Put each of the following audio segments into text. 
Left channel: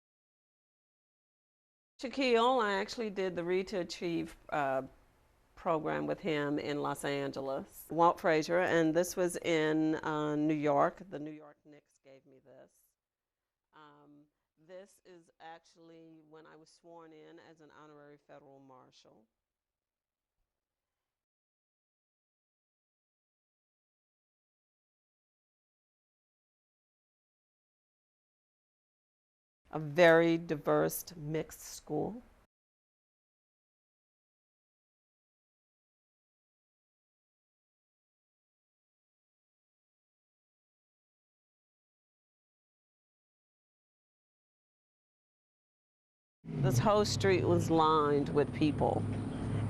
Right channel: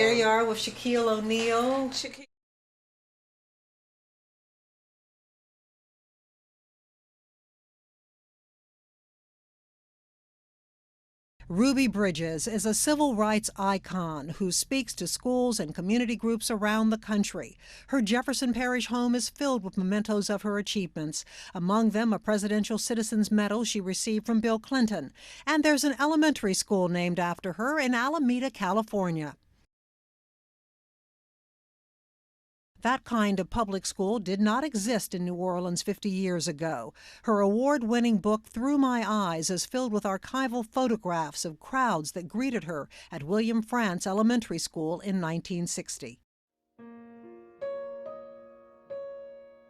there you are with Shaquille O'Neal. Shaquille, I actually did the Read to Achieve program with him in Los Angeles. Walt Frazier, and this was in New York. Ruby Bridges is a civil rights icon who speaks to schools and community groups around the country. Her Jefferson Parish home is filled with mementos of her achievements, among them a Presidential Citizens Medal she received from Bill Clinton. And there's an elementary school named after her in Alameda, California. A very diverse, mixed school. That kind of public school did not exist in New Orleans 50 years ago. Her award-winning book, Through My Eyes, is filled with archival photographs of crowds that greeted her at William Frantz Elementary School in 1960. This whole street was lined with people,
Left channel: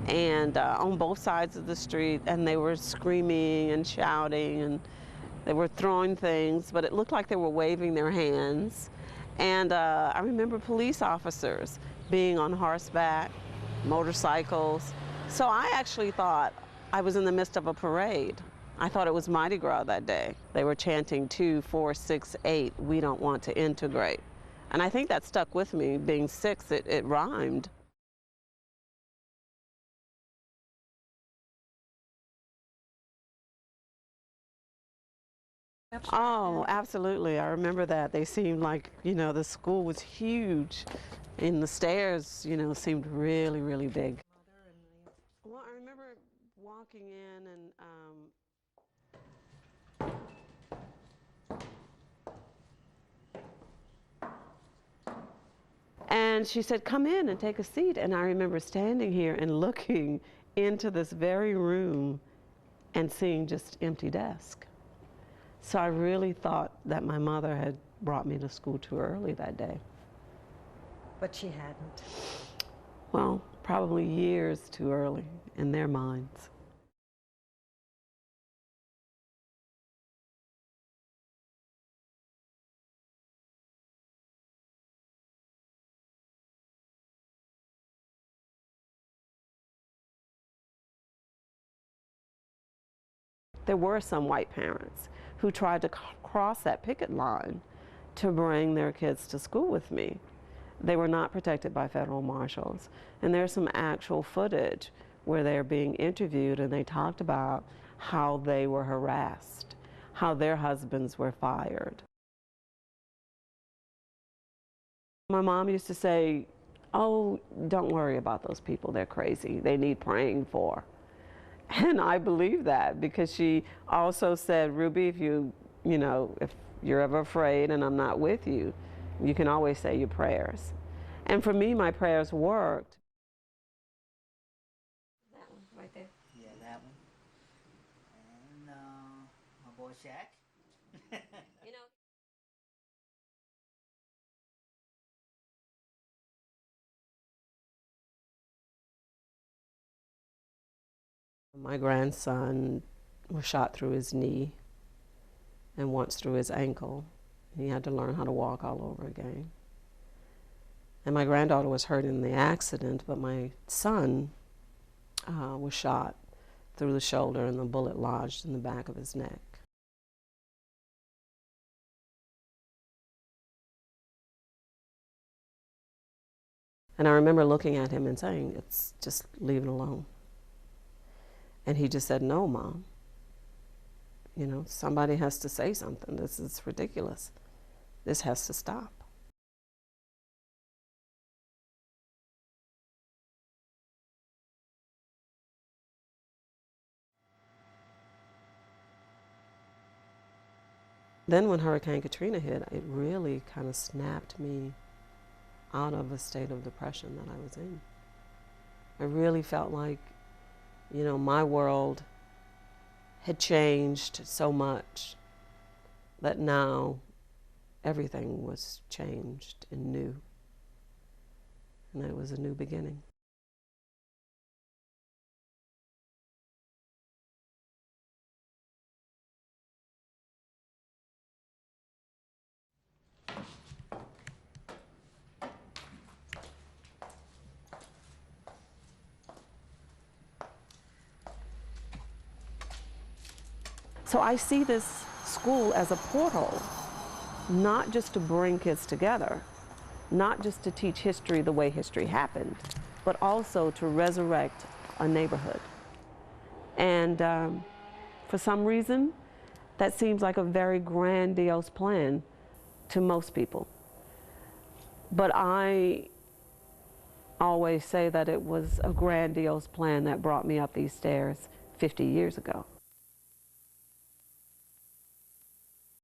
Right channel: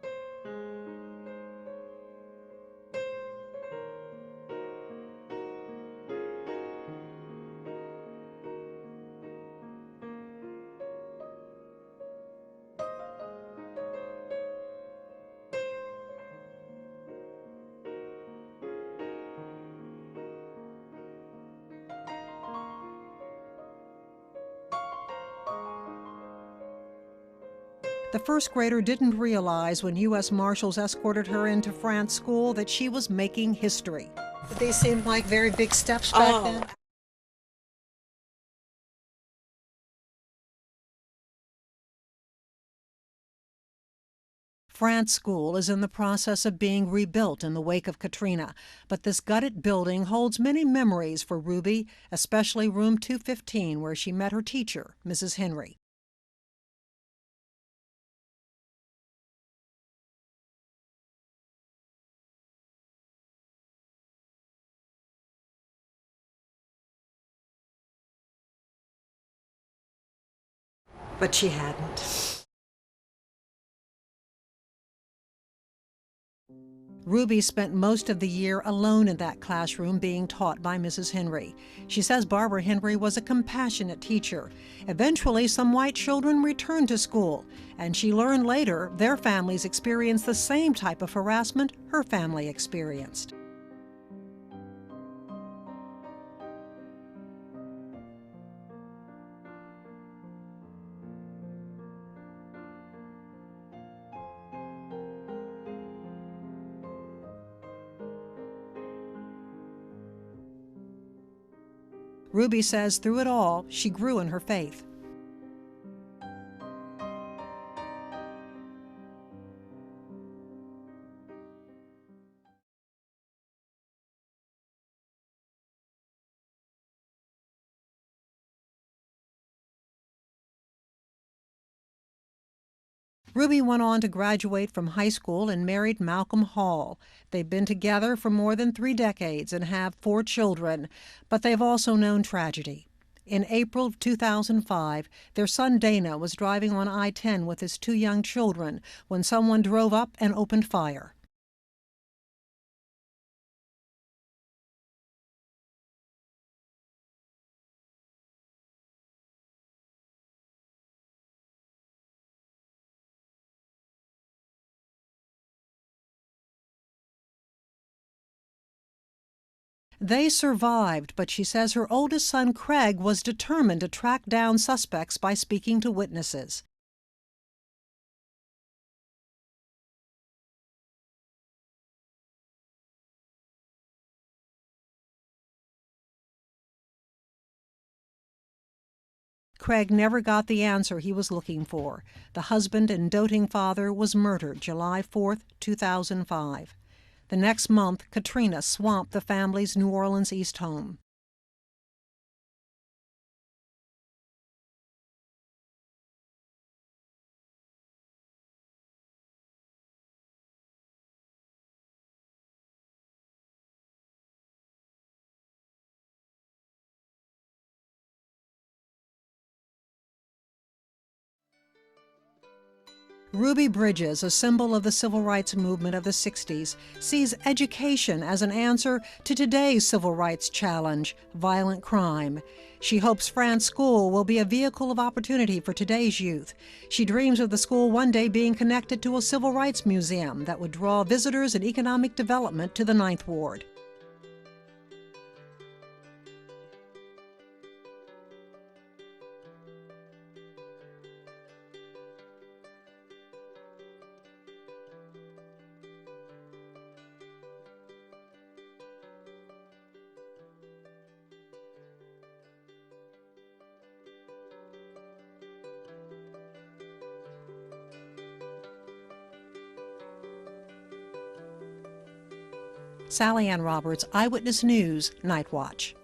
and on both sides of the street, and they were screaming and shouting, and they were throwing things, but it looked like they were waving their hands. And I remember police officers being on horseback, motorcycles. So I actually thought I was in the midst of a parade. I thought it was Mardi Gras that day. They were chanting 2, 4, 6, 8, we don't want to integrate. And I think that stuck with me. Being 6, it rhymed. The first grader didn't realize when U.S. Marshals escorted her into Frantz School that she was making history. They seemed like very big steps back then? Oh, absolutely. I remember that. They seemed like, the school was huge. And the stairs, seemed really, really big. Frantz School is in the process of being rebuilt in the wake of Katrina, but this gutted building holds many memories for Ruby, especially room 215, where she met her teacher, Mrs. Henry. And she said, come in and take a seat. And I remember standing here and looking into this very room and seeing just empty desk. So I really thought that my mother had brought me to school too early that day. But she hadn't. Well, probably years too early in their minds. Ruby spent most of the year alone in that classroom being taught by Mrs. Henry. She says Barbara Henry was a compassionate teacher. Eventually, some white children returned to school, and she learned later their families experienced the same type of harassment her family experienced. There were some white parents who tried to cross that picket line to bring their kids to school with me. They were not protected by federal marshals. And there's some actual footage where they're being interviewed and they talked about how they were harassed, how their husbands were fired. Ruby says through it all, she grew in her faith. My mom used to say, oh, don't worry about those people, they're crazy, they need praying for. And I believe that because she also said, Ruby, if you're ever afraid and I'm not with you, you can always say your prayers. And for me, my prayers worked. Ruby went on to graduate from high school and married Malcolm Hall. They've been together for more than 3 decades and have 4 children, but they've also known tragedy. In April of 2005, their son Dana was driving on I-10 with his 2 young children when someone drove up and opened fire. My grandson was shot through his knee and once through his ankle. He had to learn how to walk all over again. And my granddaughter was hurt in the accident, but my son was shot through the shoulder and the bullet lodged in the back of his neck. They survived, but she says her oldest son, Craig, was determined to track down suspects by speaking to witnesses. And I remember looking at him and saying, it's just leave it alone. And he just said, no, Mom. Somebody has to say something. This is ridiculous. This has to stop. Craig never got the answer he was looking for. The husband and doting father was murdered July 4, 2005. The next month, Katrina swamped the family's New Orleans East home. Then when Hurricane Katrina hit, it really kind of snapped me out of a state of depression that I was in. I really felt like, my world had changed so much that now everything was changed and new. And it was a new beginning. Ruby Bridges, a symbol of the civil rights movement of the 60s, sees education as an answer to today's civil rights challenge, violent crime. She hopes Frantz School will be a vehicle of opportunity for today's youth. She dreams of the school one day being connected to a civil rights museum that would draw visitors and economic development to the 9th Ward. So I see this school as a portal, not just to bring kids together, not just to teach history the way history happened, but also to resurrect a neighborhood. And for some reason, that seems like a very grandiose plan to most people. But I always say that it was a grandiose plan that brought me up these stairs 50 years ago. Sally Ann Roberts, Eyewitness News, Night Watch.